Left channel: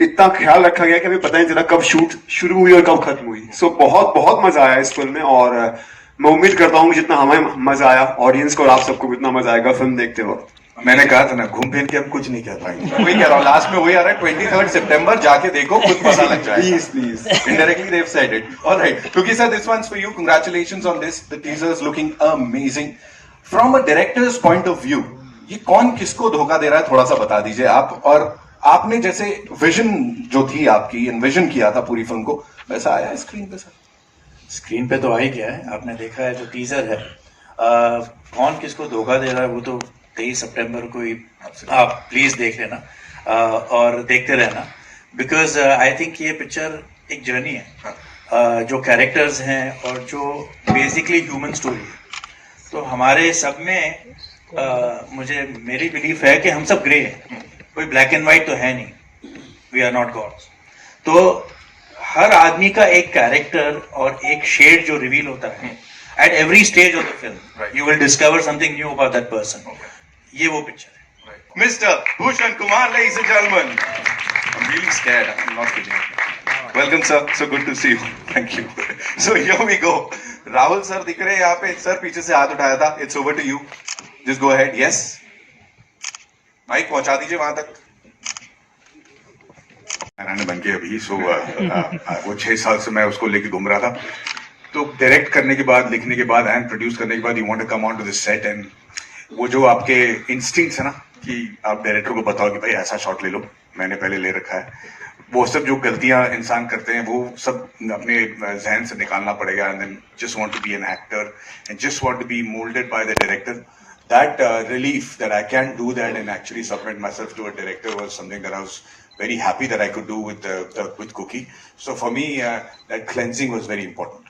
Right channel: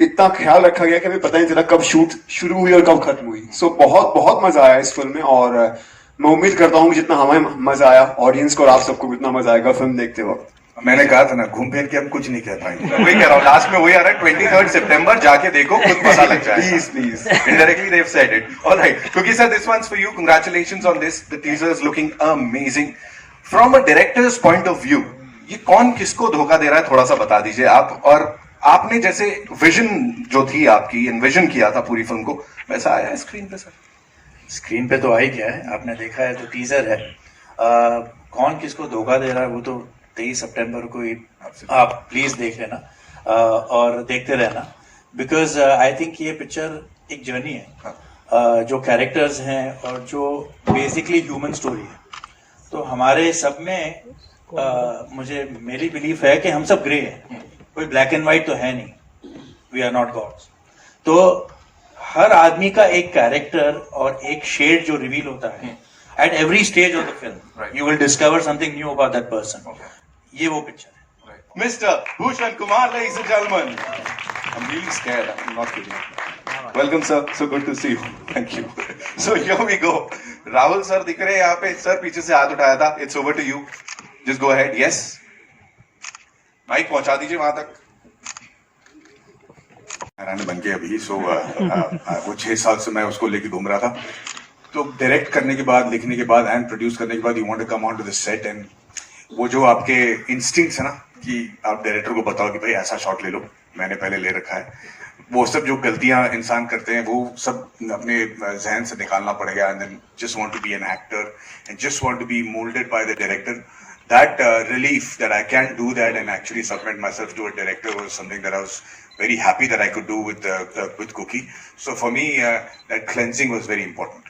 इतना ख्याल रखा गया कि हमें पता नहीं चला कब शूट शुरू हुई और कब खत्म हुई। सो बहुत बहुत मजा आया इस फिल्म में, और मैं उम्मीद करता हूँ जितना हमें मजा आया ऑडियंस को और आप सबको भी उतना मजा आएगा फिल्म देखते वक्त। मैंने कहा था ना, घूम फिर के हम कुछ नहीं कर पाएंगे। वही कह रहा हूँ, लास्ट में वही आ रहा है, 23 सितंबर जाके देखो, खुद पता लग जाएगा। Please please Indirectly they've said it. All right. Cookie sir, this one's for you. Congratulations on this. The teaser is looking amazing. From a director's point of view, ये कौन किसको धोखा दे रहा है, थोड़ा सा बता दीजिए आप। और आपने जैसे विजन जो थी आपकी, एनविजन किया था पूरी फिल्म को, वैसा आया है स्क्रीन पे सर? स्क्रीन पे तो आ ही गया है, आपने देखा है, जो टीजर है। कौन किसको धोखा दे रहा है वो तो 23 सितंबर को ही आप प्लीज देख लेना और देखते रहना, बिकॉज आई थिंक ये पिक्चर एक जर्नी है, जो कैरेक्टर्स हैं और जो बेसिकली ह्यूमन स्टोरी है। तो हमारे सब में मुझे मेरी बिलीफ है कि हम सब ग्रे हैं, कोई ब्लैक एंड व्हाइट तो है नहीं, वी आर नॉट गॉड्स। तो हर आदमी का एक कैरेक्टर और एक शेड जो रिवील होता है at every stage of the film, you will discover something knew about that person. ये वो पिक्चर है। Mr. Bhushan Kumar, ladies and gentlemen. I'm really scared. I'm not kidding. Welcome, sir. So good to see you. Thank you. So here we go. Rahul sir दिख रहे हैं यहाँ पे. Sir पीछे से हाथ उठाया था. It's over to you. Just go ahead. Yes. Mic पहुंचा दीजिए वहां तक. रानी बन के अभी वो 6 साल से मैं उसको लेके घूम रहा था। तो डायरेक्ट करने के बाद, लिखने के बाद एंड प्रोड्यूस करने के बाद you want to come on to the set, and वो जो आपके इंस्टिंक्ट्स है ना कि आप डायरेक्टर को बताओ कि भाई ऐसा शॉट ले लो, मैंने पहले ले रखा है, वो सब जो गलतियां इंसान करते हैं वो सब अपने जहन से निकालना पड़ेगा, and then just want to be an actor and just want to be moulded by the director. That relief that I can do that and actually submit myself to a director was something that I was very happy that I could do with Cookie. So for me, that cleansing was very important.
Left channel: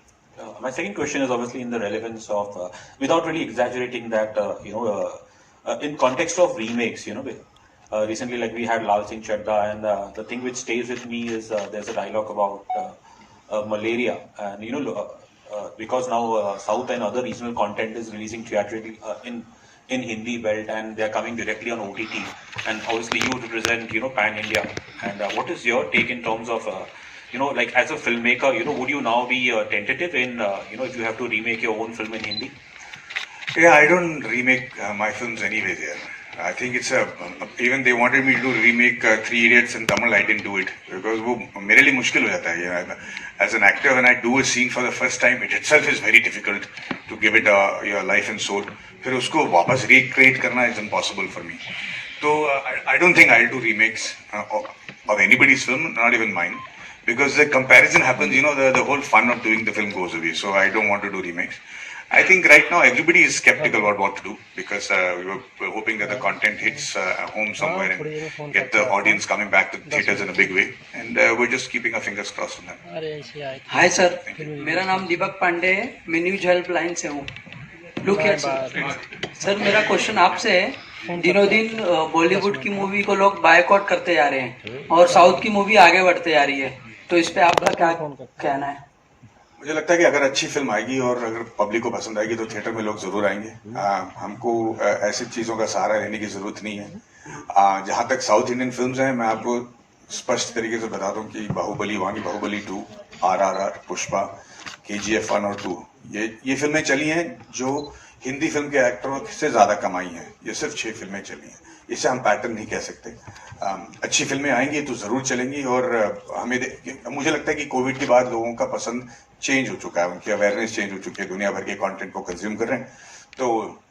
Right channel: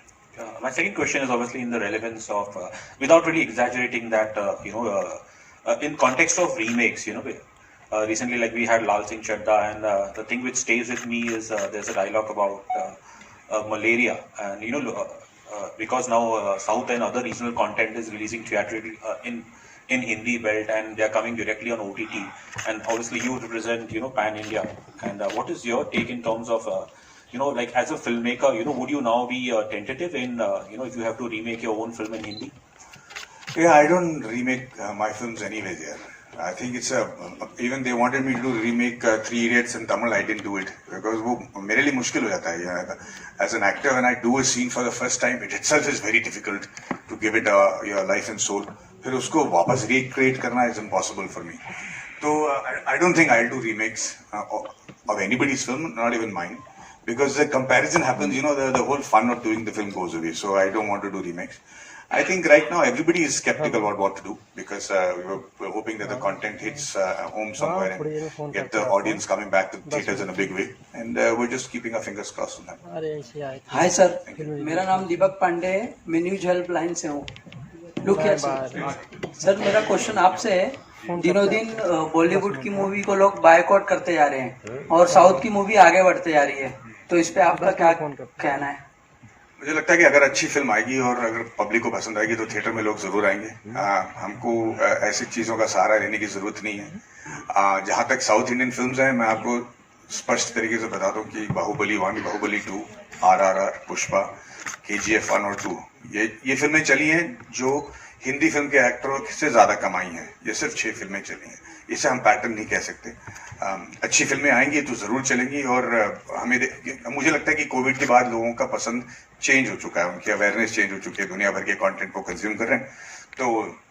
My second question is obviously in the relevance of, without really exaggerating that, in context of remakes, recently like we had Lal Singh Chadda, and the thing which stays with me is there's a dialogue about malaria, and because now South and other regional content is releasing theatrically in Hindi belt, and they are coming directly on OTT, and obviously you represent pan India, and what is your take in terms of like as a filmmaker, would you now be tentative in if you have to remake your own film in Hindi? Yeah, I don't remake my films anyways. Yeah, I think it's even they wanted me to do remake Three Idiots in Tamil. I didn't do it because वो मेरे लिए मुश्किल हो जाता है. As an actor, when I do a scene for the first time, it itself is very difficult to give it your life and soul. फिर उसको वापस recreate करना is impossible for me. So I don't think I'll do remakes of anybody's film, not even mine, because the comparison happens. The whole fun of doing the film goes away. So I don't want to do remakes. I think right now everybody is skeptical about what to do, because we're hoping that the content hits home somewhere and get the audience coming back to theaters in a big way, and we're just keeping our fingers crossed on that. Hi sir, मेरा नाम दीपक पांडे है, मैं news helpline से हूँ। Look here sir, मेरा question आपसे है, दिनों दिन बॉलीवुड की मूवी को लोग बायकॉट करते जा रहे हैं और साउथ की मूवी आगे बढ़ते जा रही है, तो इस पे आपका क्या कहना है? मुझे लगता है कि अगर अच्छी फिल्म आएगी और अगर पब्लिक को पसंद आएगी तो थिएटर में लोग जरूर आएंगे। हमको ऐसी चीज़ों का सहारा लेने की जरूरत नहीं है। जहाँ तक साउथ इंडियन फिल्म्स हैं, मैं आपको स्पष्ट तरीके से बता दूं कि बाहुबली 1, बाहुबली 2, RRR, पुष्पा, KGF 1 और 2, ये फिल्में चली हैं जो हिंदी फिल्म के एक्टरों से ज़्यादा कमाई हैं। ये सिर्फ 6 फिल्में चली हैं, इसे हम पैटर्न नहीं कह सकते। अच्छी फिल्में आएंगी तो ज़रूर चलेंगी, और मुझे लगता है कि कोविड के बाद लोगों का पसंद चेंज हो चुका है, उनकी अवेयरनेस चेंज हो चुकी है, दुनिया भर के कंटेंट को कंज्यूम कर रहे हैं, तो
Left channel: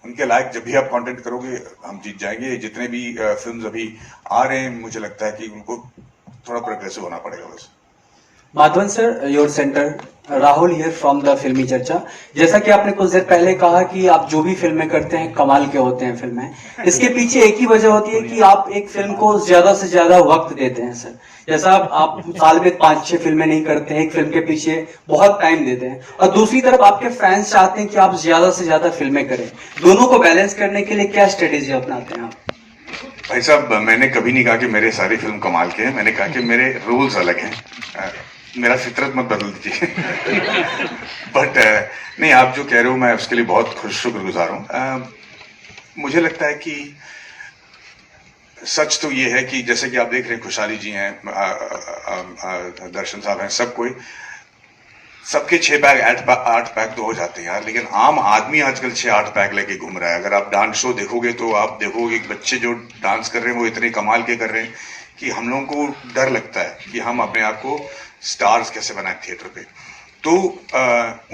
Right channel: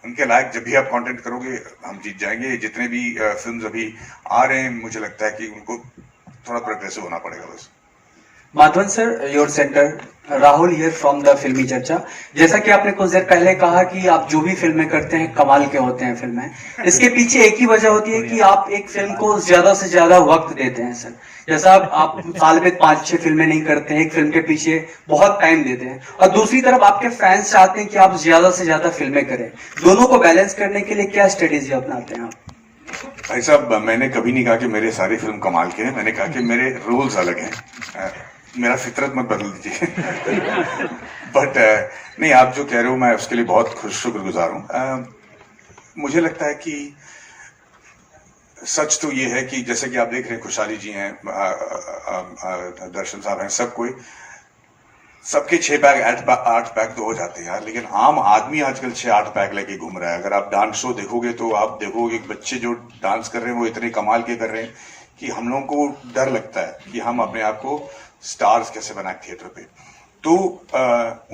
उनके लायक जब भी आप कंटेंट करोगे हम जीत जाएंगे। जितने भी फिल्म्स अभी आ रहे हैं, मुझे लगता है कि उनको थोड़ा प्रोग्रेसिव होना पड़ेगा बस। Madhavan sir, your centre, Rahul here from the फिल्मी चर्चा। जैसा कि आपने कुछ देर पहले कहा कि आप जो भी फिल्में करते हैं कमाल के होते हैं फिल्में, इसके पीछे एक ही वजह होती है कि आप एक फिल्म को ज्यादा से ज्यादा वक्त देते हैं सर। जैसा आप साल में 5-6 फिल्में नहीं करते हैं, एक फिल्म के पीछे बहुत टाइम देते हैं, और दूसरी तरफ आपके फैंस चाहते हैं कि आप ज्यादा से ज्यादा फिल्में करें। दोनों को बैलेंस करने के लिए क्या स्ट्रेटेजी अपनाते हैं आप? भाई साहब, मैंने कभी नहीं कहा कि मेरे सारी फिल्म कमाल के हैं, मैंने कहा कि मेरे रूल्स अलग हैं। मेरा फितरत मत बदल दीजिए बट नहीं, आप जो कह रहे हो मैं उसके लिए बहुत शुक्रगुजार हूँ। मुझे लगता है कि सच तो ये है कि जैसे कि आप देख रहे हैं, खुशहाली जी हैं, दर्शन साहब हैं, सब कोई, सबके 6 पैक 8 पैक तो हो जाते हैं यार, लेकिन आम आदमी आजकल 6-8 पैक लेके घूम रहा है। अगर आप डांस शो देखोगे तो आप देखोगे कि बच्चे जो डांस कर रहे हैं वो इतने कमाल के कर रहे हैं कि हम लोगों को डर लगता है कि हम अपने आप को स्टार्स कैसे बनाए थिएटर पे। तो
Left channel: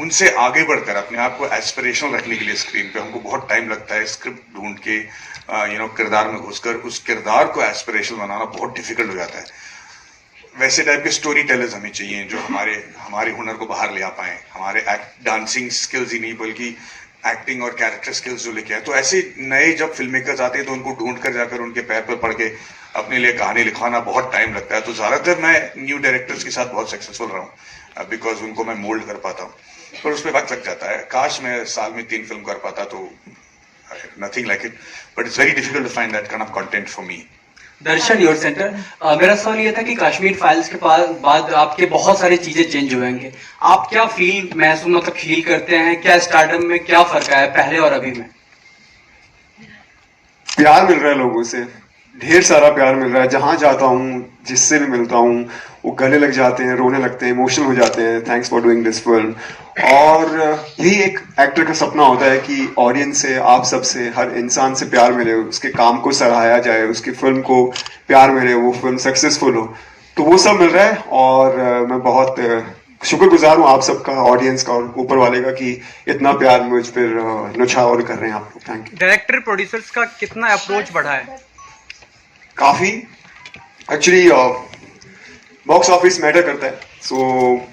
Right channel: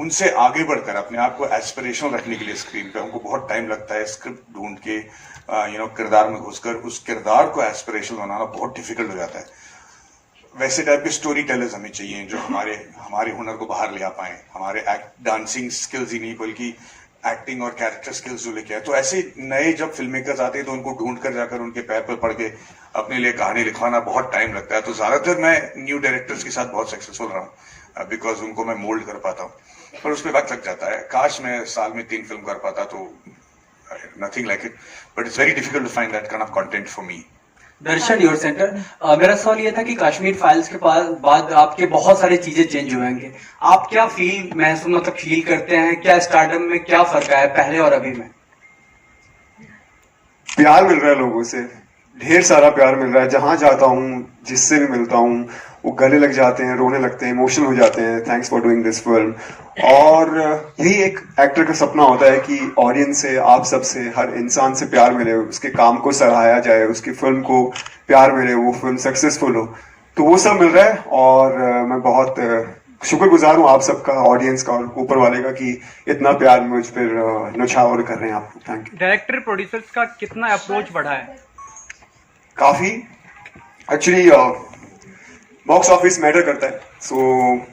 उनसे आगे बढ़कर अपने आप को एस्पिरेशनल रखने के लिए स्क्रीन पे हमको बहुत टाइम लगता है। स्क्रिप्ट ढूंढ के किरदार में घुसकर उस किरदार को एस्पिरेशनल बनाना बहुत डिफिकल्ट हो जाता है। वैसे टाइप के स्टोरी टेलर्स हमें चाहिए जो हमारे हुनर को बाहर ले आ पाए, हमारे डांसिंग स्किल्स ही नहीं बल्कि एक्टिंग और कैरेक्टर स्किल्स जो लेके आए। तो ऐसे नए जब फिल्म मेकर्स आते हैं तो उनको ढूंढ कर जाकर उनके पैर पर पड़ के अपने लिए कहानी लिखवाना बहुत टाइम लगता है। तो ज्यादातर मैं न्यू डायरेक्टर्स के साथ बहुत सक्सेसफुल रहा हूँ बिकॉज उनको मैं मोल्ड कर पाता हूँ, पर उस पर वक्त लग जाता है। काश मैं साल में 3 फिल्म कर पाता तो nothing like it, but it's very difficult to find that kind of content for me. Darshan your centre, मेरा सवाल ये था कि कश्मीर फाइल्स के बाद आपके बहुत सारी चीजें चेंज हुएंगे। आप क्या फील करते हैं, क्या स्टार्टअप में क्या फर्क आया पहले और अभी में? प्यार मिल रहा है लोगों से, ढेर सारा प्यार मिल रहा है। जहां जाता हूँ, जिससे भी मिलता हूँ, वो गले लग जाते हैं, रोने लगते हैं, इमोशनल हो जाते हैं, thanks for doing this film. और यही एक एक्टर का सपना होता है कि ऑडियंस से, आप सबसे, हर इंसान से प्यार मिले, उसके काम को सराहाया जाए, उसकी फिल्म को प्यार मिले, वो फिल्म सक्सेसफुल हो। तो वो सब मिल रहा है और मैं बहुत शुक्रगुजार हूँ आप सबका, ऑडियंस का और ऊपर वाले का कि इतना प्यार मुझ पर न्यौछावर कर रहे हैं आप लोग। Thank you. डायरेक्टर प्रोड्यूसर्स का कितना अप्रोच बढ़ा है? काफी, एक्चुअली बॉक्स ऑफिस मैटर करता है। सो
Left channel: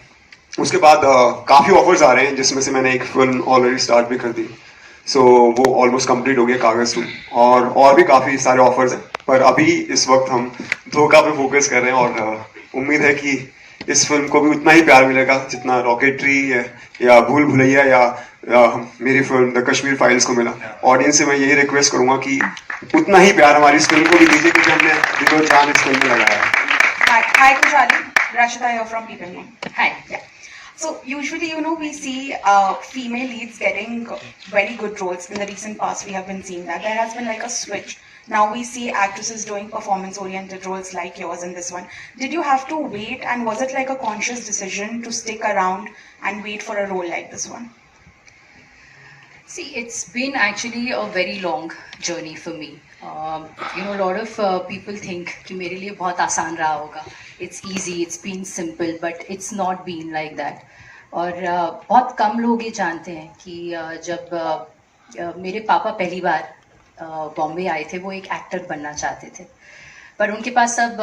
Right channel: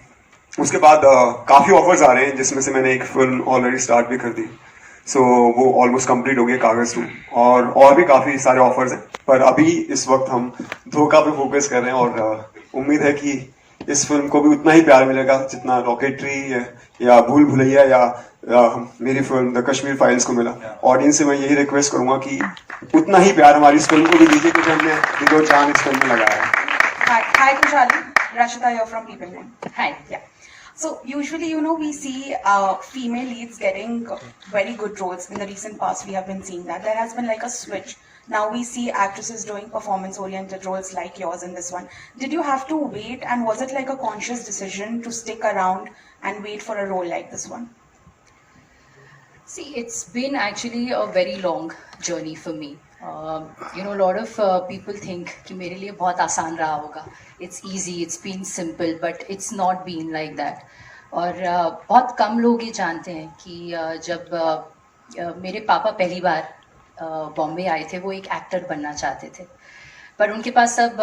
उसके बाद काफी ऑफर्स आ रहे हैं, जिसमें से मैंने एक फिल्म ऑलरेडी स्टार्ट भी कर दी। सो वो ऑलमोस्ट कंप्लीट हो गया, कागज टू, और भी काफी सारे ऑफर्स हैं। पर अभी इस वक्त हम धोखा पे फोकस कर रहे हैं और उम्मीद है कि इस फिल्म को भी उतना ही प्यार मिलेगा जितना रॉकेटरी या भूल भुलैया या मेरी फिल्म द कश्मीर फाइल्स को मिला। ऑडियंस से मैं यही रिक्वेस्ट करूंगा कि उतना ही प्यार हमारी इस फिल्म को भी दीजिए क्योंकि हमने दिलो जान इस फिल्म में लगाया है। Hi, Kushali. Rashida here from People Name. Hi, yeah. So usually, we see female leads getting very good roles. In the recent past, we have been seeing that. There has been like a switch. Now we see actresses doing performance-oriented roles like yours in this one. Did you have to wait, and was it like a conscious decision to stick around and wait for a role like this one? See, it's been actually a very long journey for me. A lot of people think कि मेरे लिए बहुत आसान रहा होगा. It's easy, it's been simple, but it's not been like that. और बहुत कम लोग ये जानते हैं कि जब मेरे पापा पहली बार बॉम्बे आए थे, वो एक एक्टर बनना चाहते थे, पर उनके पास अब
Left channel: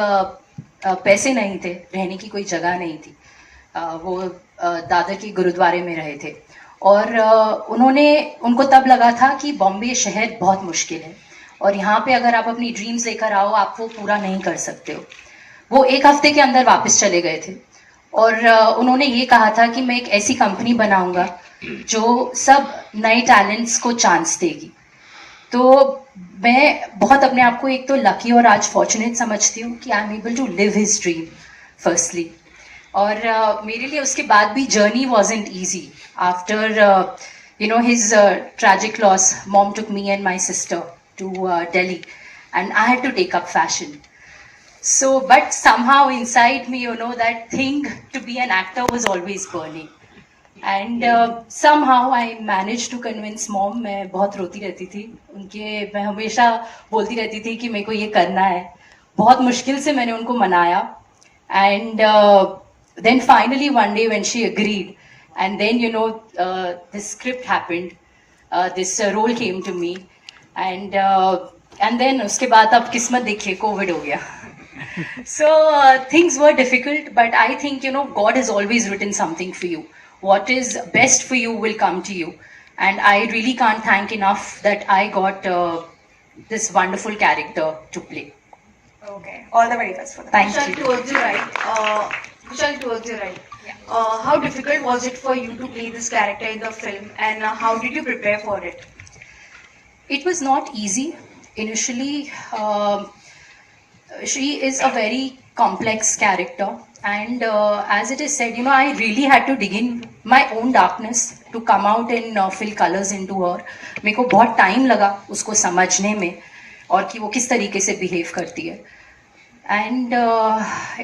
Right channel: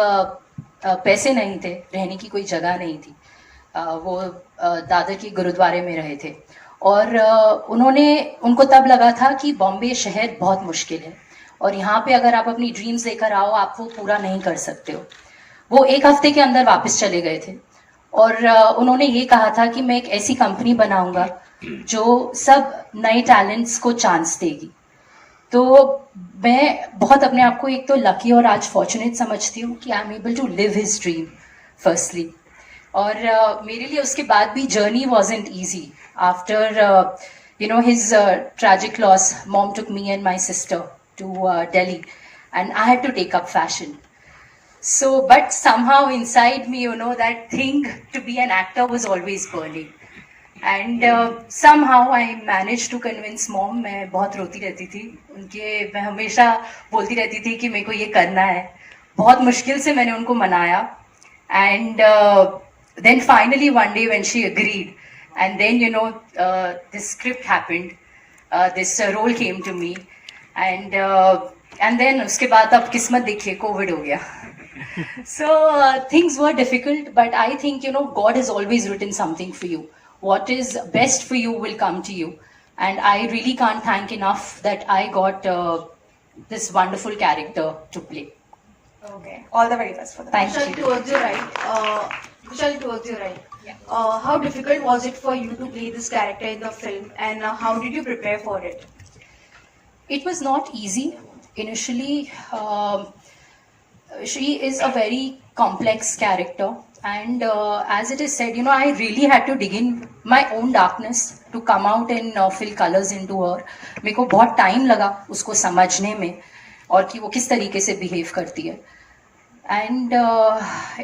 पैसे नहीं थे, रहने की कोई जगह नहीं थी। वो दादर के गुरुद्वारे में रहे थे और उनको तब लगा था कि बॉम्बे शहर बहुत मुश्किल है और यहाँ पे अगर आप अपनी ड्रीम्स लेकर आओ आप वो पूरा नहीं कर सकते हो। वो 1 हफ्ते के अंदर वापस चले गए थे और उन्होंने ये कहा था कि मैं एक ऐसी कंपनी बनाऊंगा जो सब नए टैलेंट्स को चांस देगी। तो मैं बहुत अपने आप को एक तो लकी और आज फॉर्चुनेट समझती हूँ कि I am able to live his dream firstly. और मेरे लिए उसके बाद भी journey wasn't easy. After his tragic loss, mom took me and my sister to Delhi and I had to take up fashion. So, but somehow inside me, that thing to be an actor was always burning. And somehow I managed to convince mom. मैं बहुत रोती रहती थी मैं हमेशा बोलती रहती थी कि मेरे को ये करना है। बहुत मुश्किल से मैंने उनको मनाया and then finally one day when she agreed and then this script happened, this role came to me and then उसके बाद अब किस्मत देखिए कोविड हो गया। So things were difficult, but I think God has always written something for you. What is best for you will come to you, and I really can't thank enough that I got this wonderful character to play. Okay, all the very best for that. Thank Kushal, you. towards the right. Yeah. How difficult was it for you to play this character in the film, and how did you prepare for it? It was not easy initially. She is a very complex character And as it is said, I really had to dig in my own darkness to come out and fill colors into her. मेरे को बहुत time लगा उसको समझने में और कि वो किस तरीके से बिहेव करती है. And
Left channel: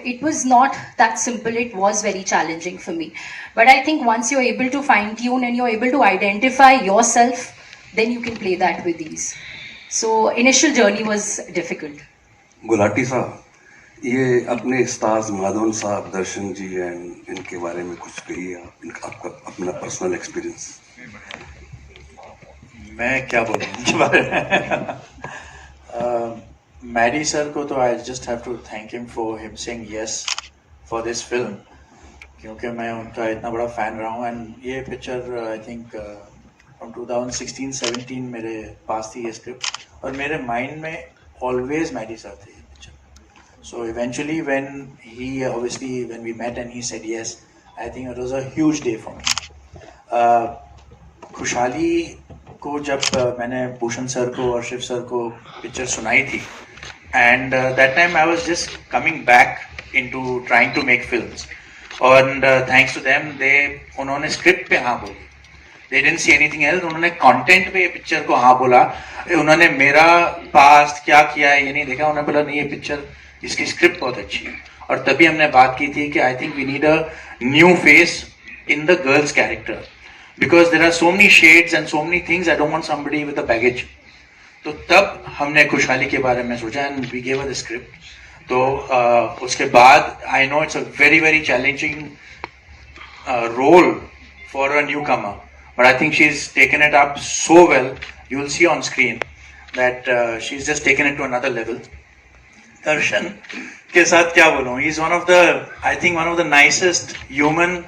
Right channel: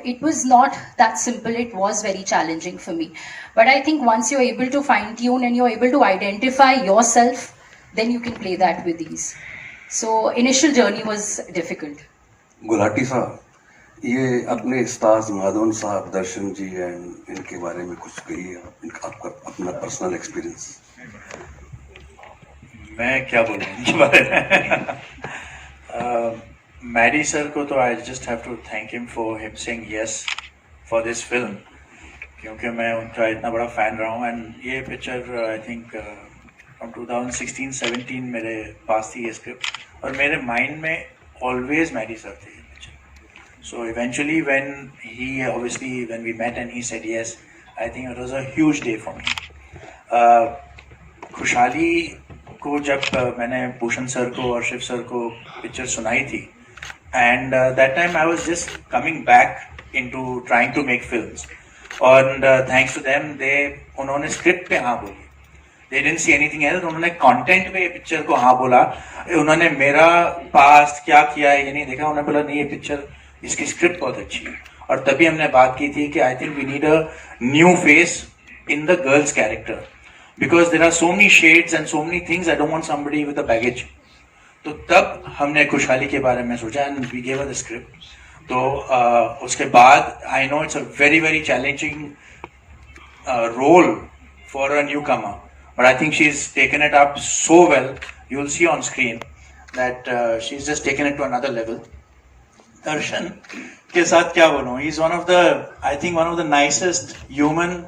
it was not that simple. It was very challenging for me. But I think once you're able to fine tune and you're able to identify yourself, then you can play that with ease. So initial journey was difficult. Gulati साहब, ये अपने stars Madhavan साहब, दर्शन जी and इनके बारे में कुछ कहिए, आपका अपना पर्सनल एक्सपीरियंस. मैं क्या बोलूँ इनके बारे में. मैडी सर को तो I just have to thank him for him saying yes for this film, क्योंकि मैं उनका इतना बड़ा फैन रहा हूँ. एंड ये पिक्चर आई थिंक फ्रॉम 2016-17 मेरे पास थी ये स्क्रिप्ट, और मेरे माइंड में ऑलवेज मैडी सर थे ये picture. So eventually when we met and he said yes, I think it was a huge day for me. Khushali को जब मैंने भूषण सर को और शिव सर को पिक्चर सुनाई थी, and that time I was just coming back into trying to make films, and thanks to them, उन्होंने script पे हाँ बोली. They didn't see anything else. उन्होंने कंटेंट पे पिक्चर को हाँ बोला. उन्होंने मेरा पास्ट क्या किया है ये नहीं देखा. उन्होंने बोला नहीं, ये पिक्चर, इसकी स्क्रिप्ट बहुत अच्छी है. और तभी हमने बात की थी कि I think we need a new face in the girls character, because there are so many shades and so many things. I don't want somebody with a baggage. तो तब हमने खुशहाली के बारे में सोचा and we gave the script. तो उसके बाद I know it's a very very challenging role for a newcomer, but I think she is taken it up so well. You will see on screen that she is just taken it to another level. Darshan के साथ क्या बोलूं, he is one of the nicest human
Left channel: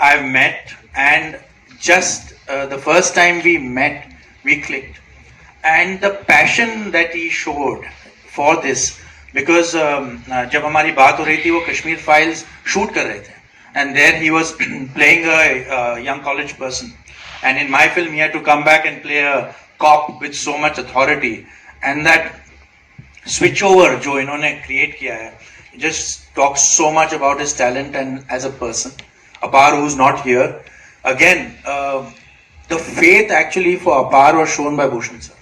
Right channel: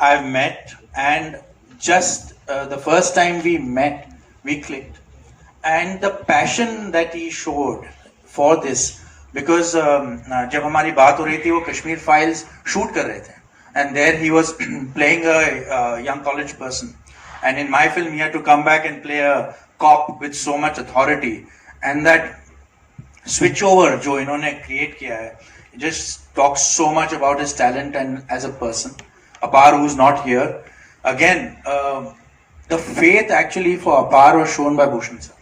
I have met, and just the first time we met we clicked, and the passion that he showed for this. Because जब हमारी बात हो रही थी, वो कश्मीर फाइल्स शूट कर रहे थे, and there he was playing a young college person, and in my film he had to come back and play a cop with so much authority. And that switch over जो इन्होंने create किया है, just talks so much about his talent and as a person. Apaar who is not here again, the faith actually for Apaar was shown by Bhushan sir.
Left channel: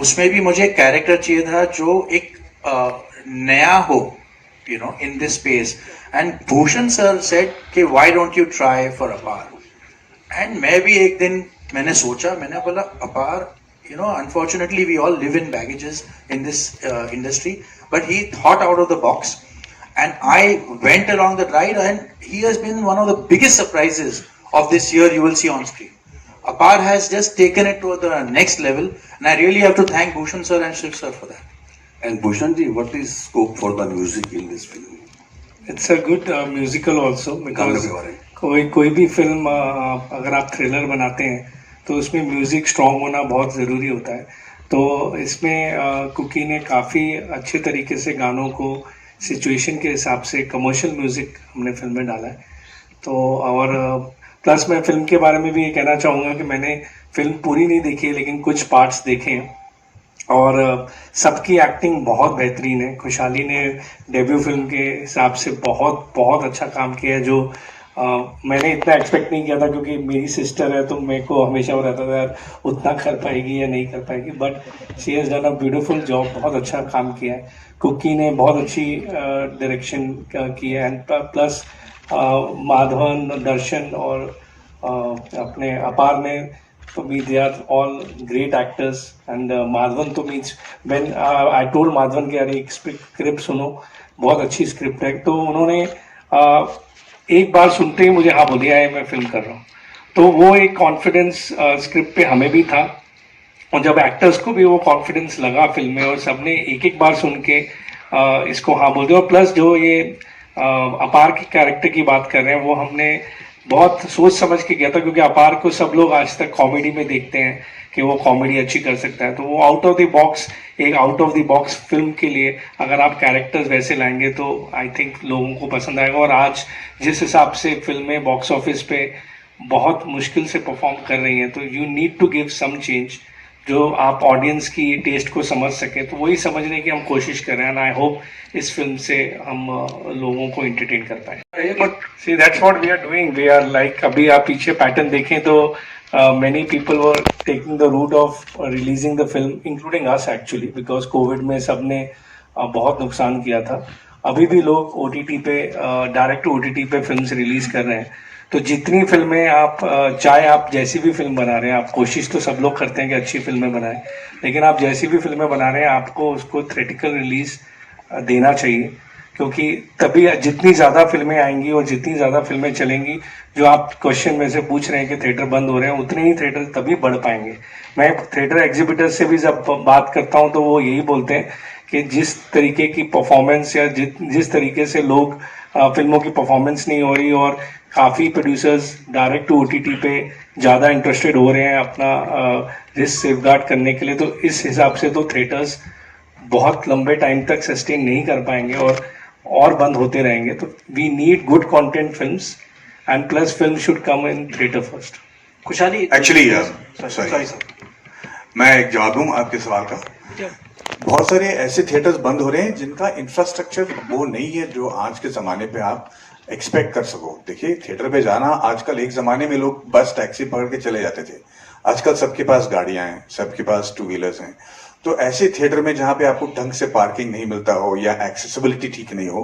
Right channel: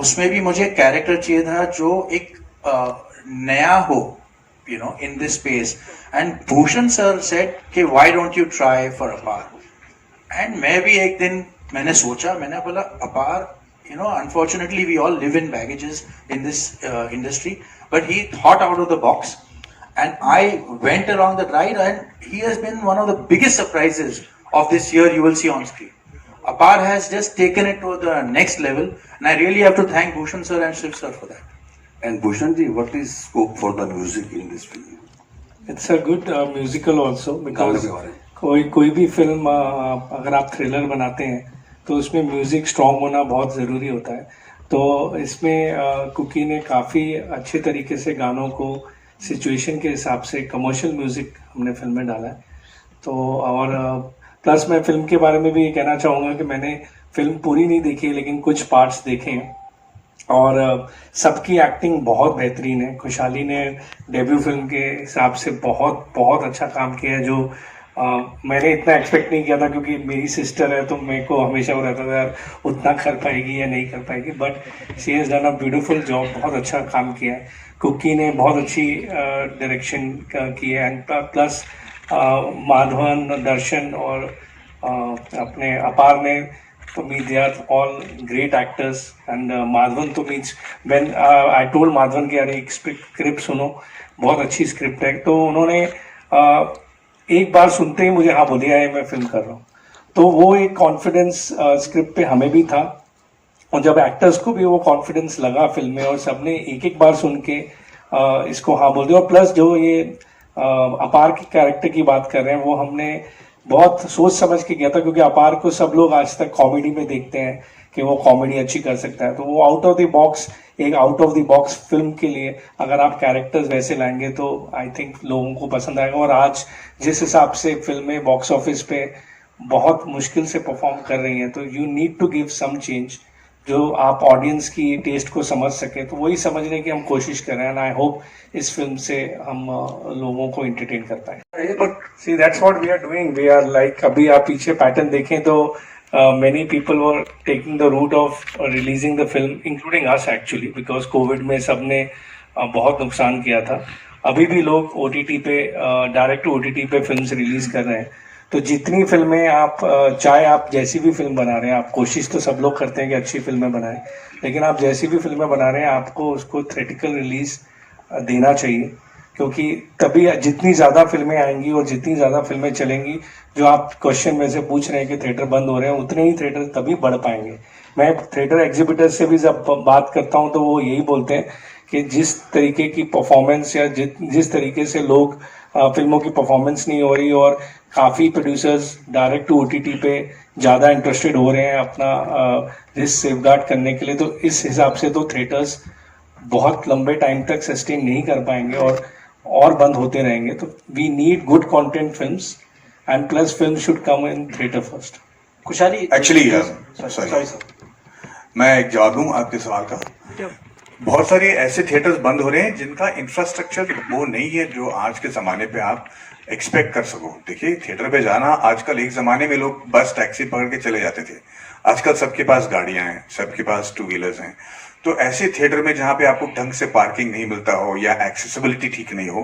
उसमें भी मुझे character चाहिए था जो एक नया हो, in this space. And Bhushan sir said कि why don't you try for Apaar. And मैं भी एक दिन मैंने सोचा, मैंने बोला अपार, unfortunately we all live in baggages in this industry, but he thought out of the box, and I went along that ride, and he has been one of the biggest surprises of this year. You will see on screen. Apar has just taken it to the next level, and I really have to thank Bhushan sir and Shiv sir for that. And Bhushan ji, what is scope for the music in this film? It's a good musical also, because कोई भी film अगर आप thriller बनाते हैं तो उसमें music strong होना बहुत ज़रूरी होता है. तो इसमें कुकी ने काफ़ी अच्छे तरीके से गानों को सिचुएशन के हिसाब से कमर्शियल म्यूज़िक हमने फिल्म में डाला है. तो और प्लस मैं फिल्म के बारे में भी ये कहना चाहूँगा कि मैंने फिल्म पूरी नहीं देखी है, लेकिन कुछ पार्ट्स देखे हैं, और सबकी एक्टिंग बहुत बेहतरीन है. खुशहाली ने डेब्यू फिल्म के हिसाब से बहुत बहुत अच्छा काम किया है, जो मैंने इतना एक्सपेक्ट नहीं किया था, क्योंकि मेरी सिस्टर है तो मेरे को हमेशा वो रहता था यार उतना कर पाएगी या नहीं कर पाएगी. But she has done a beautiful job, बहुत अच्छा काम किया है. कुकी ने बहुत अच्छी डायरेक्शन की है, एंड प्लस माधवन, दर्शन और अपने अपार ने, तो they are all great actors. And Madhavan तो means when I told Madhavan कि यार एक स्क्रिप्ट सुनो, बहुत अच्छी स्क्रिप्ट है, तो उन्होंने एक बार सुनते ही मुझे हाँ बोलिया है मैं फिल्म कर रहा हूँ. तो वो एक कॉन्फिडेंस स्क्रिप्ट पे हमें भी था, और जब एक्टर्स को भी वो कॉन्फिडेंस लगा फिल्म में, और सबने एक एक बार सुन के इसको हाँ बोल दिया. और प्लस जो ये अपार की कैरेक्टर की बात कर रहे हैं, वो हमने बहुत सोच समझ के किया था, क्योंकि अपार को सब लोग आज तक कॉमेडी में देखते हैं कि वो कॉमेडी अच्छी कर सकता है. तो वो out of the box film के लिए अगर आप कैरेक्टर्स वैसे लाएंगे तो आई थिंक लोगों को पसंद आएगा. और आज जिस हिसाब से फिल्में बॉक्स ऑफिस पे बहुत मुश्किल से परफॉर्म कर रही हैं, तो you need to give some change. जो आप ऑडियंस की टेस्ट को समझ सके, तो वही समझने की हम कोशिश कर रहे हैं. एंड आई होप इस फिल्म से हम लोगों को एंटरटेन कर पाए. But see that's what we are doing. We are like, अभी आप पीछे पैटर्न देखें तो many people were taking the route of releasing the film, including us actually, because Covid में सबने बहुत नुकसान किया था. अभी भी लोग OTT पे, डायरेक्ट OTT पे फिल्म्स रिलीज कर रहे हैं. तो जितनी फिल्में आप, चाहे आप जैसी भी फिल्म बना रहे हैं, आप कोशिश तो सब लोग करते हैं कि अच्छी फिल्में बनाएं, लेकिन आप जैसी भी फिल्में बना रहे हैं आपको उसको थिएट्रिकल रिलीज देना चाहिए, क्योंकि तभी जितनी ज़्यादा फिल्में आएंगी और जितनी ज़्यादा फिल्में चलेंगी, जो आप क्वेश्चन में से पूछ रहे हैं कि थिएटर बंद हो रहे हैं, उतने ही थिएटर तभी बढ़ पाएंगे. मैं थिएटर एग्जिबिटर से भी जब बात करता हूं तो वो यही बोलते हैं कि जिस तरीके की परफॉर्मेंस या जिस तरीके से लोग फिल्मों की परफॉर्मेंस नहीं हो रही और काफ़ी प्रोड्यूसर्स डायरेक्ट टू OTT पे ज़्यादा इंटरेस्टेड हो रहे हैं अपना रिस्क सेफगार्ड करने के लिए, तो इस हिसाब से तो थिएटर्स बहुत लंबे टाइम तक सस्टेन नहीं कर पाएंगे और बंद होते रहेंगे. तो we need good content films, and plus film should come in theater first. खुशहाली एक्चुअली सॉरी, मैं एक जवाब दूं आपके सवाल का. बहुत सारे ऐसे थिएटर्स बंद हो रहे हैं जिनका इंफ्रास्ट्रक्चर वो नहीं है जो आज के जमाने पे आप एक्सपेक्ट कर सको. देखिए, थिएटर पे जाना आजकल, एक जमाने में लोग बस टैक्सी पकड़ के चले जाते थे, आजकल सबके पास गाड़ियां हैं, सबके पास 2 व्हीलर्स हैं. तो ऐसे थिएटर में जहां पे आपको ढंग से पार्किंग नहीं मिलता हो या एक्सेसिबिलिटी ठीक नहीं हो,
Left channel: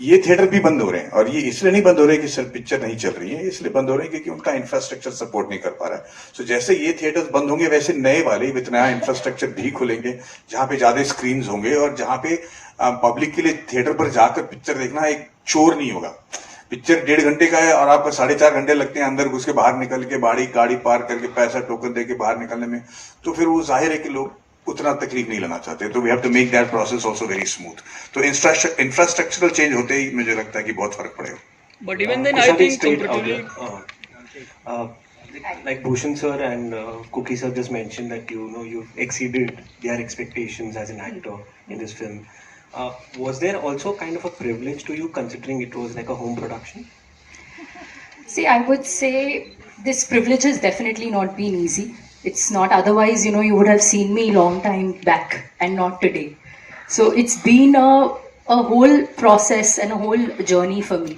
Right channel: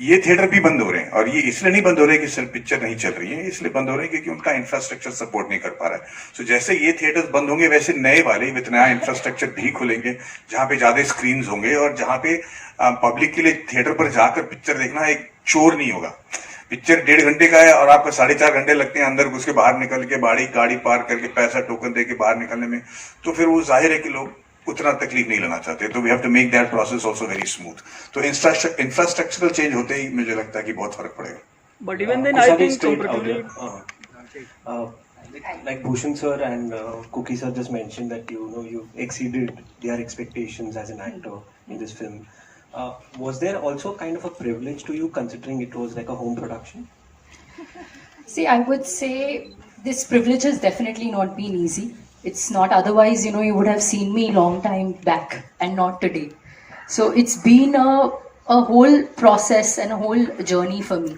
ये थिएटर भी बंद हो रहे हैं. और ये इसलिए नहीं बंद हो रहे कि सिर्फ पिक्चर नहीं चल रही है, इसलिए बंद हो रहे हैं क्योंकि उनका इंफ्रास्ट्रक्चर सपोर्ट नहीं कर पा रहा है. सो जैसे ये थिएटर्स बंद होंगे, वैसे नए वाले विद नया इंफ्रास्ट्रक्चर भी खुलेंगे, जहां पे ज्यादा स्क्रीन होंगे और जहां पे पब्लिक के लिए थिएटर पर जाकर पिक्चर देखना एक चोर नहीं होगा. पिक्चर 1.5 घंटे का है और आपको 4.5 घंटे लगते हैं अंदर घुस के बाहर निकल के, गाड़ी पार करके, पैसा टोकन दे के बाहर निकलने में. तो फिर वो जाहिर है कि लोग उतना तकलीफ नहीं लेना चाहते. तो we have to make that process also very smooth. तो इंफ्रास्ट्रक्चरल चेंज होते ही मुझे लगता है कि बहुत फर्क पड़ेगा. बट इवन देन आई थिंक like Bhushan sir and Cookie sir just mentioned that you exceeded their expectations as an actor in this film. Was there also kind of a privilege to you considering it was like a home production? See, I would say this privilege has definitely not been easy. It's not, otherwise, you would have seen me long time back and not today. So it's been a whole process and a whole journey for me.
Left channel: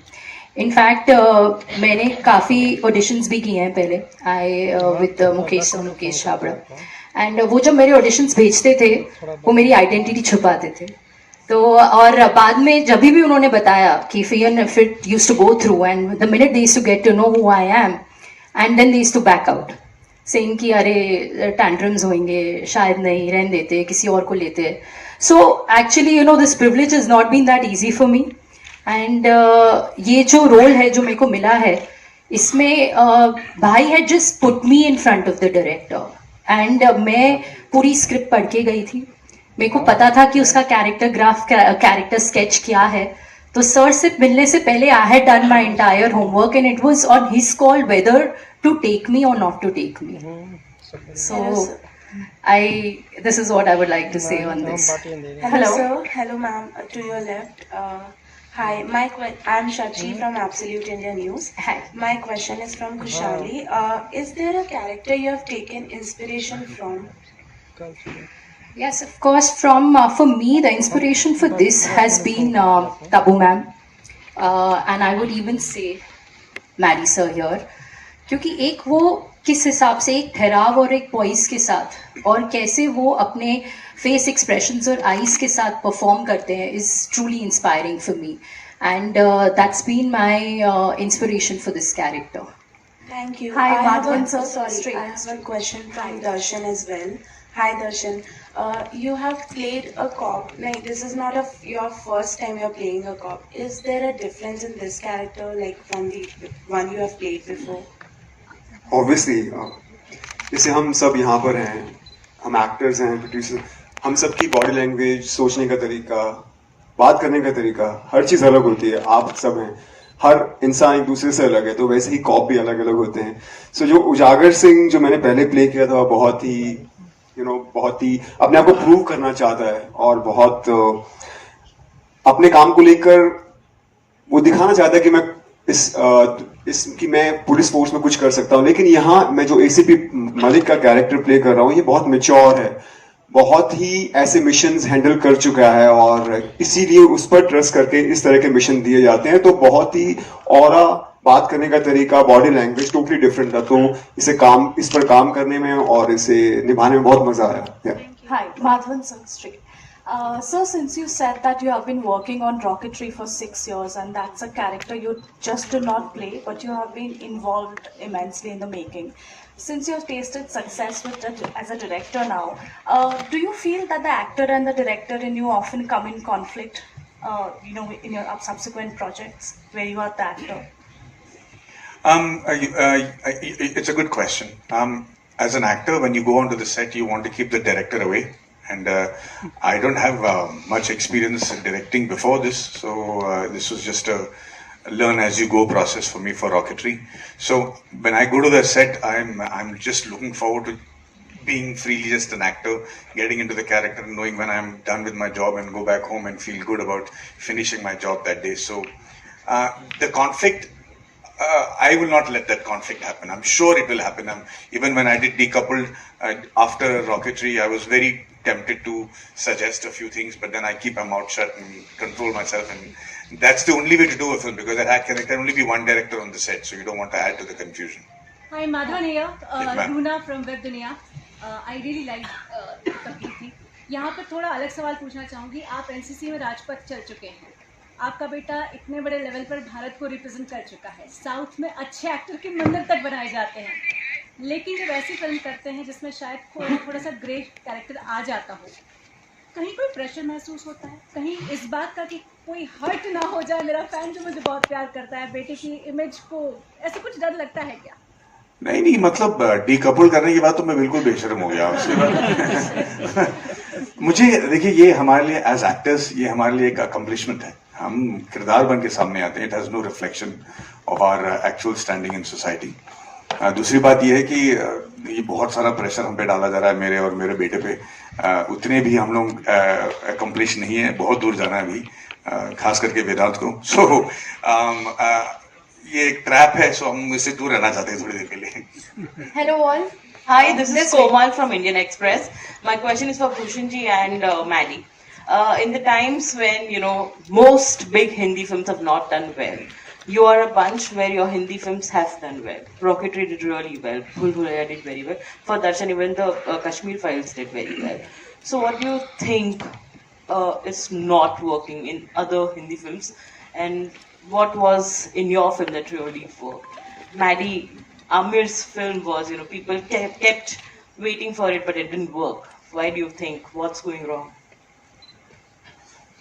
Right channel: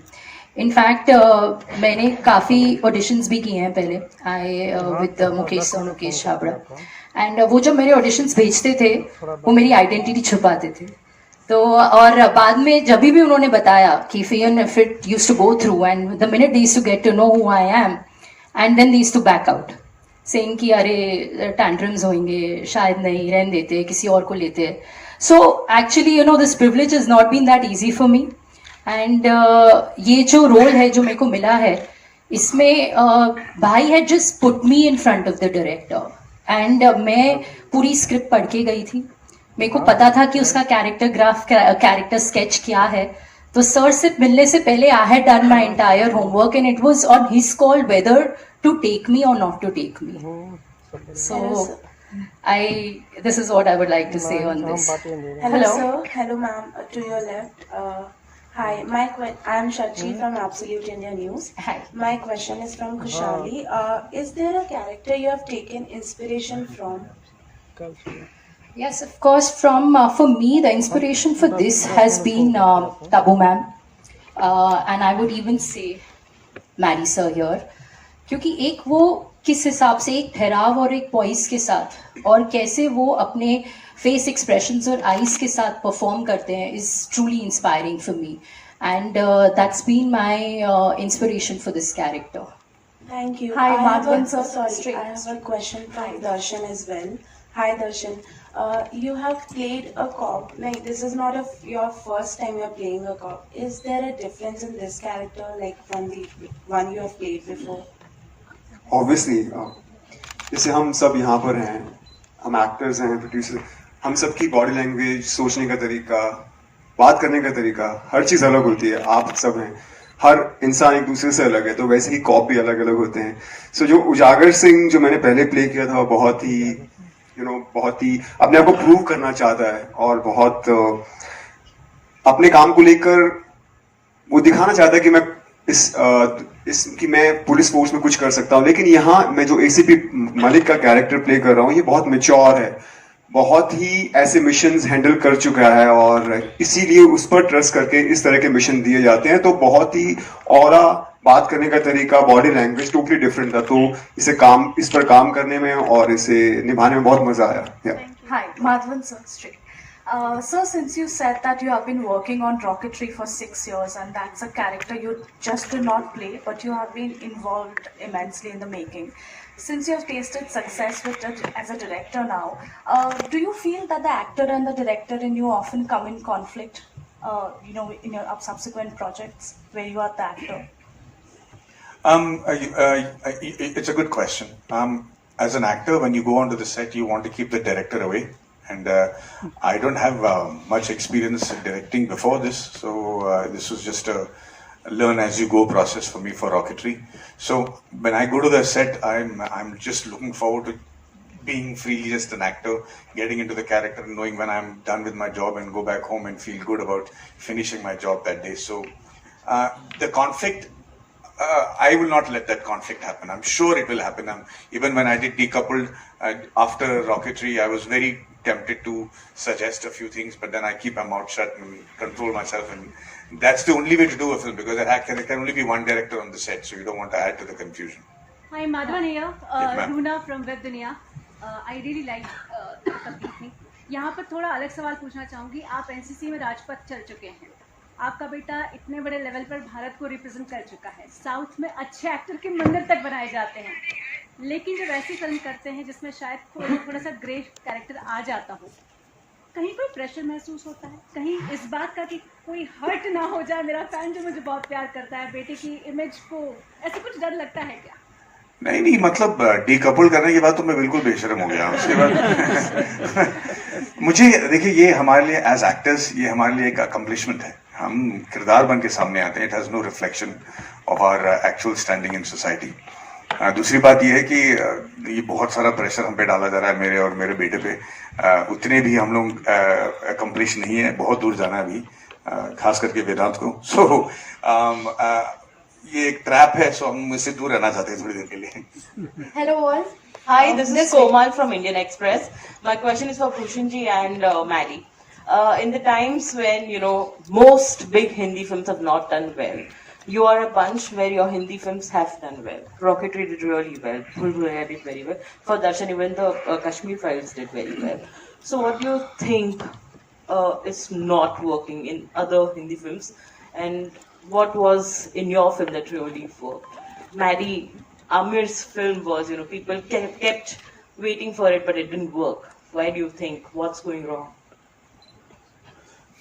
In fact, मैंने काफ़ी auditions भी किए हैं पहले. with Mukesh Chhabra. And वो जब मेरे auditions भेजते थे, वो मेरी identity छुपाते थे. तो और बाद में जब भी उन्होंने बताया कि if it used to go through, and the minute they used to get to know who I am, and then they used to back out, saying कि अरे tantrums होंगे, शायद नहीं, रहने देते, किसी और को लेते. So actually, this privilege has not been that easy for me. And ये जो role है जो मेरे को मिला है, इसमें भाई had just put me in front of the director. And मैं पूरी script पढ़ के गई थी. मेरे को पता था कि उसका कैरेक्टर स्केच क्या है. तो सर से मिलने से पहले I had done my entire homework and it was on his call whether to take me or not to take me. So this is what I would like to say on this. Hello sir, hello ma'am, to your left. Hi, I'm Shachi from Absolute India News. Hi. My question is from Kushali. Is there a character you have taken inspiration from? Yes, of course. For me, the inspiration for this has been Tabu ma'am, and I would even say Maddie sir here, क्योंकि एक वो किस हिसाब से एक ठहराव और एक पॉइस के साथ और कैसे वो अपने फेस एक्सप्रेशंस और आईज के साथ परफॉर्म करते हैं is truly inspiring for me, and that's been my inspiration for this character. Thank you. Hi, Madhavan sir. Sorry, I have a question from Darshan as well. Hi Darshan. You have played a cop. Like, this is not your first time you're playing a cop. Is there a difference in this character, like from the one you have played before? Obviously, जैसे हम सब यहाँ पर हैं, हम actors हैं, producer, हम सब की बॉडी लैंग्वेज, सोचने का तरीका, बात करने का तरीका, हर चीज़ अलग होती है. आप सब हैं, हर इंसान एक दूसरे से अलग है, तो वैसे ही कॉप भी अलग अलग होते हैं. सो जो उजागर सिंह जो मैंने पहले प्ले किया था, बहुत ही अपने आप को प्रूव करना चाहता है और बहुत अपने काम को लेकर वो दिखाना चाहता है कि मैं कि मैं पुलिस फोर्स में कुछ कर सकता हूँ, लेकिन यहाँ मैं जो एसीपी मलिक का कैरेक्टर प्ले कर रहा हूँ ये बहुत मैच्योर है, बहुत ही ऐसे मिशंस हैंडल कर चुका है और इसीलिए उस पर ट्रस्ट करके इस तरह के मिशन दिए जाते हैं। तो बहुत ही ऑरा, बात करने का तरीका, बॉडी लैंग्वेज टोटली डिफरेंट था, तो इस पर काम करने में और इसे निभाने में बहुत मजा आया। Hi, Madhavan Street. So since you said that you have been working on rocketry for 6 years and that's a character you just do not play but you have been involved immensely in the making. Since you have tasted success as a director now, do you feel that the actor and the director in you often come in conflict, in your subsequent projects where you are the actor? It's a good question. As an actor, when you go onto the set, you want to keep the director away. And I don't have much experience in directing before this, so this was just a learn as you go process for me for rocketry. So when I go to the set, I'm just looking forward to being freely just an actor, getting into the character, and knowing when I'm done with my job and go back home and feel good about finishing my job that day. So the conflict, I will not let that conflict happen. I'm sure it will happen. Even when I did Decoupled, after rocketry, I was very tempted to suggest a few things, but then I keep my mouth shut and control myself, and that's the only way to do a film, because there can only be one director on the set, so you don't want to add to the confusion. Hi, Madhavan here, Yes, Runa from Web Dunia. I really like completely. यहाँ पर थोड़ा अलग सवाल पूछना चाहूँगी। आप NCC में राजपथ चल चुके हैं, आपका बेटा इतने बड़े लेवल पर भारत को रिप्रेजेंट कर चुका है, साउथ में अच्छे एक्टर के मंदिर तक बनाए जाते हैं, लेकिन जब ऐसी फिल्म करते हैं जिसमें शायद थोड़ा सा ग्रे कैरेक्टर आ जाता हो, कहीं कोई प्रेशर महसूस होता है, कहीं इस बात का कि कोई हर्ट ना हो जाए, मेरा फैन जो मुझे बहुत प्यार करता है, बेटे की इमेज को, ऐसा कुछ डर लगता है क्या? नहीं, मतलब डीकपल करने के बाद तो मैं बिल्कुल बेशर्म हो गया उसके बाद। मुझे देखिए, ये हमारे लिए एज एक्टर्स, ये हमारे लिए एक अकम्पलिशमेंट है। हम किरदार बन के सामने आते हैं, it has no reflection of our actual standing in society. दूसरी बात यह है कि ये बहुत सारा प्रेशर हम पे डाला जा रहा है, मेरे और मेरे बेटे पे। उतने भी हम लोग अकम्पलिश नहीं है, बहुत दूर जाना है अभी, खास करके वेदांत को। सो ये एक ट्रैप है, सो हम इससे दूर रहना चाहते हैं थोड़ी देर के लिए। Hello all. Hi, this is Komal from Indian Express. My question is for Bhushan ji and Maddie. In the times when, most big Hindi films have not done well, you are a bunch where your Hindi films have done well. Rocketry did really well. Bhul Bhulaiya did very well. For Darshan, even the Kashmir Files did very well. So what do you think is not working in other Hindi films? And what was in your film that really worked? Maddie, Amir's film was, people kept waiting for it, but it didn't work. Why do you think? What's going wrong?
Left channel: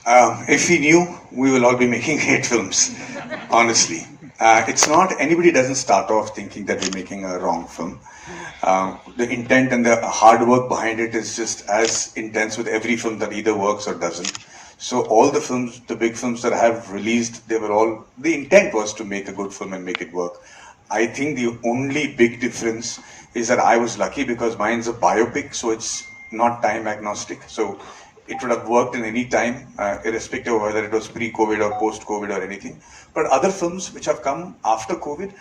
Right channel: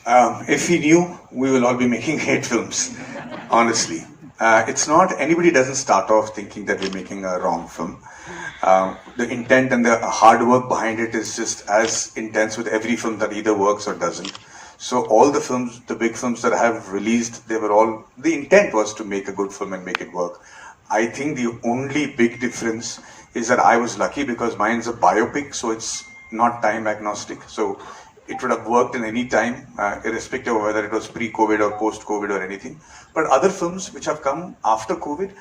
If we knew, we will all be making hate films, honestly. It's not, anybody doesn't start off thinking that we're making a wrong film. The intent and the hard work behind it is just as intense with every film that either works or doesn't. So all the films, the big films that I have released, the intent was to make a good film and make it work. I think the only big difference is that I was lucky because mine's a biopic, so it's not time agnostic. So it would have worked in any time, irrespective of whether it was pre-COVID or post-COVID or anything. But other films which have come after COVID,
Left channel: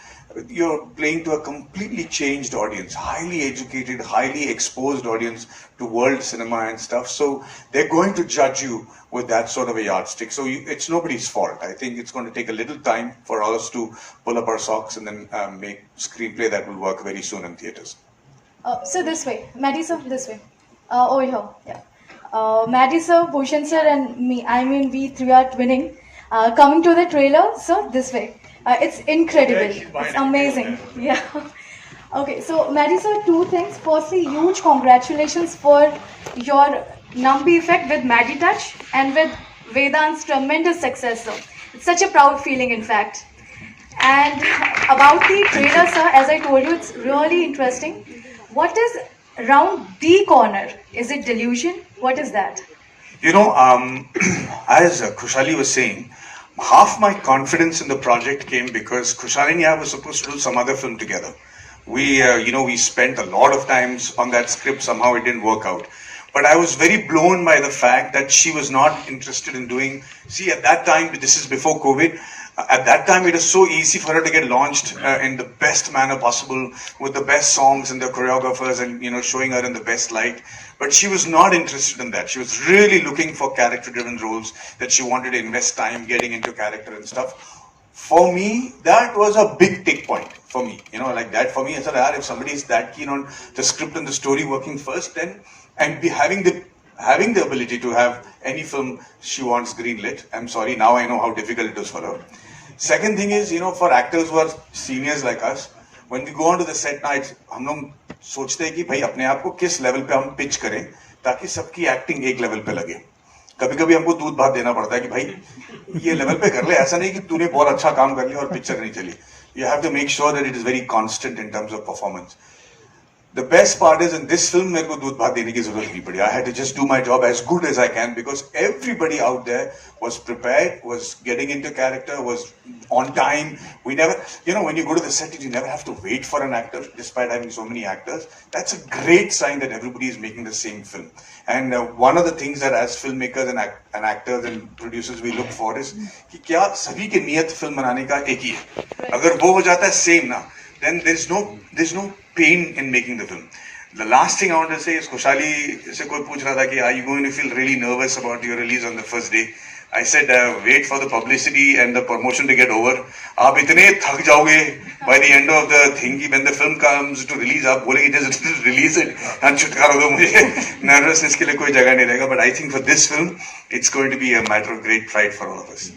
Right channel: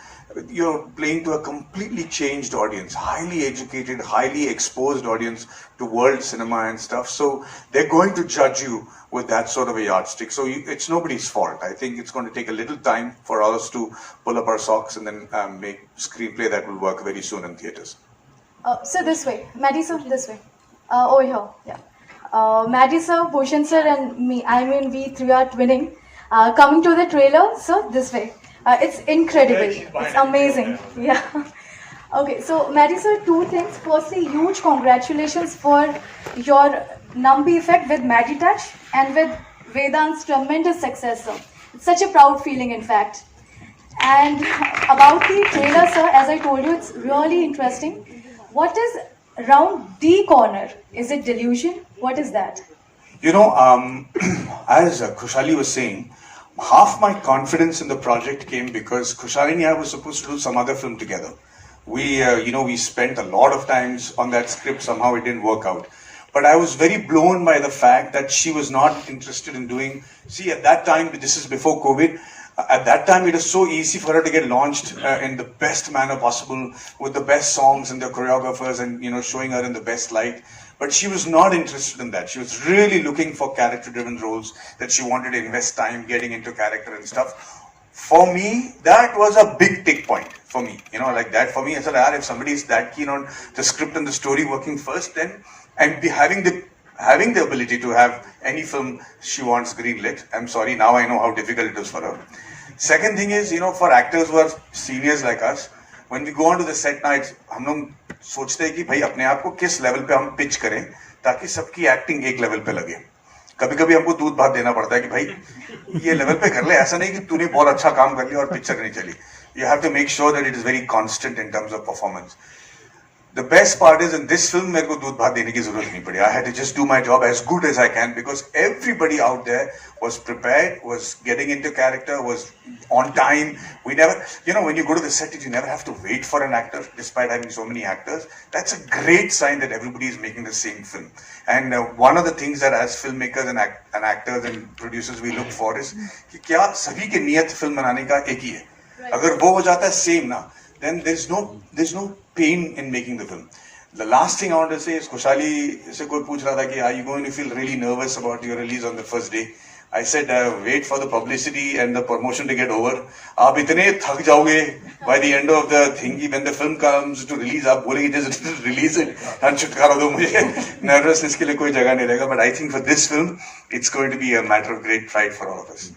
you're playing to a completely changed audience, highly educated, highly exposed audience to world cinema and stuff. So they're going to judge you with that sort of a yardstick. So it's nobody's fault. I think it's going to take a little time for us to pull up our socks and then make screenplay that will work very soon in theaters. So this way, Maddie sir, this way. Over here, yeah. Maddie sir, Bhushan sir and me, we three are twinning. Coming to the trailer, so this way. It's incredible. It's amazing. Yeah. Okay, so Maddie sir, two things. Firstly, huge congratulations for your Nambi effect with Maddie Touch and with Vedant's tremendous success, sir. It's such a proud feeling, in fact. And about the trailer, sir, as I told you, it's really interesting. What is around the corner? Is it delusion? What is that? As Khushali was saying, half my confidence in the project came because Khushali and I were supposed to do some other film together. We spent a lot of times on that script. Somehow it didn't work out. But I was very blown by the fact that she was not interested in doing. See, at that time, this is before COVID, At that time, it was so easy for her to get launched in the best manner possible, with the best songs and the choreographers, and showing her in the best light. But she was not interested in that. She was really looking for character-driven roles, that she wanted to invest time getting into character and stuff. For me, that was a big tick point for me. Like that for me, I said, if somebody is that keen on the script and the story working first, then and be having the ability to have any film she wants greenlit. I'm sorry, now I know how difficult it is for her. Second thing is, for actors who are seniors like us, when we go onto the set now, हम लोग सोचते हैं कि भाई अपने आप को किस लेवल पे हम पिच करें ताकि सबकी एक्टिंग एक लेवल पे लगे. कभी कभी हमको दूध भात देना पड़ता है कि भाई ये लेवल पे कर ले, ऐसा नहीं कि तूने बहुत अच्छा काम कर लिया और पिक्चर नहीं चली. You have to make sure that it is very constant in terms of performance. The best part is in this film मेरे को दूध भात देने की जरूरत नहीं पड़ी. I had to just do my job as good as I can because everybody out there was prepared, was getting into character, was on time. We never, when you go to the set, you never have to wait for an actor despite having so many actors. That's a great sign that everybody is making the same film. And one of the things that as filmmakers and actors and producers we look for is कि क्या सभी की नियत film बनाने का एक ही है. अगर वो हो जाता है same ना, then there's no pain in making the film. The last thing I want to say is खुशहाली से कोई पूछ रहा था कि are you going to feel really nervous about your release on the first day? I said wait for the publicity and the promotion to get over. आप इतने थक जाओगे by the end of the thing कि when the film comes to release आप बोलेंगे just release it and छुटकारा दो मुझे. Nervousness के लिए कोई जगह नहीं रहेगा. But I think for this film it's going to be a matter of great pride for all of us.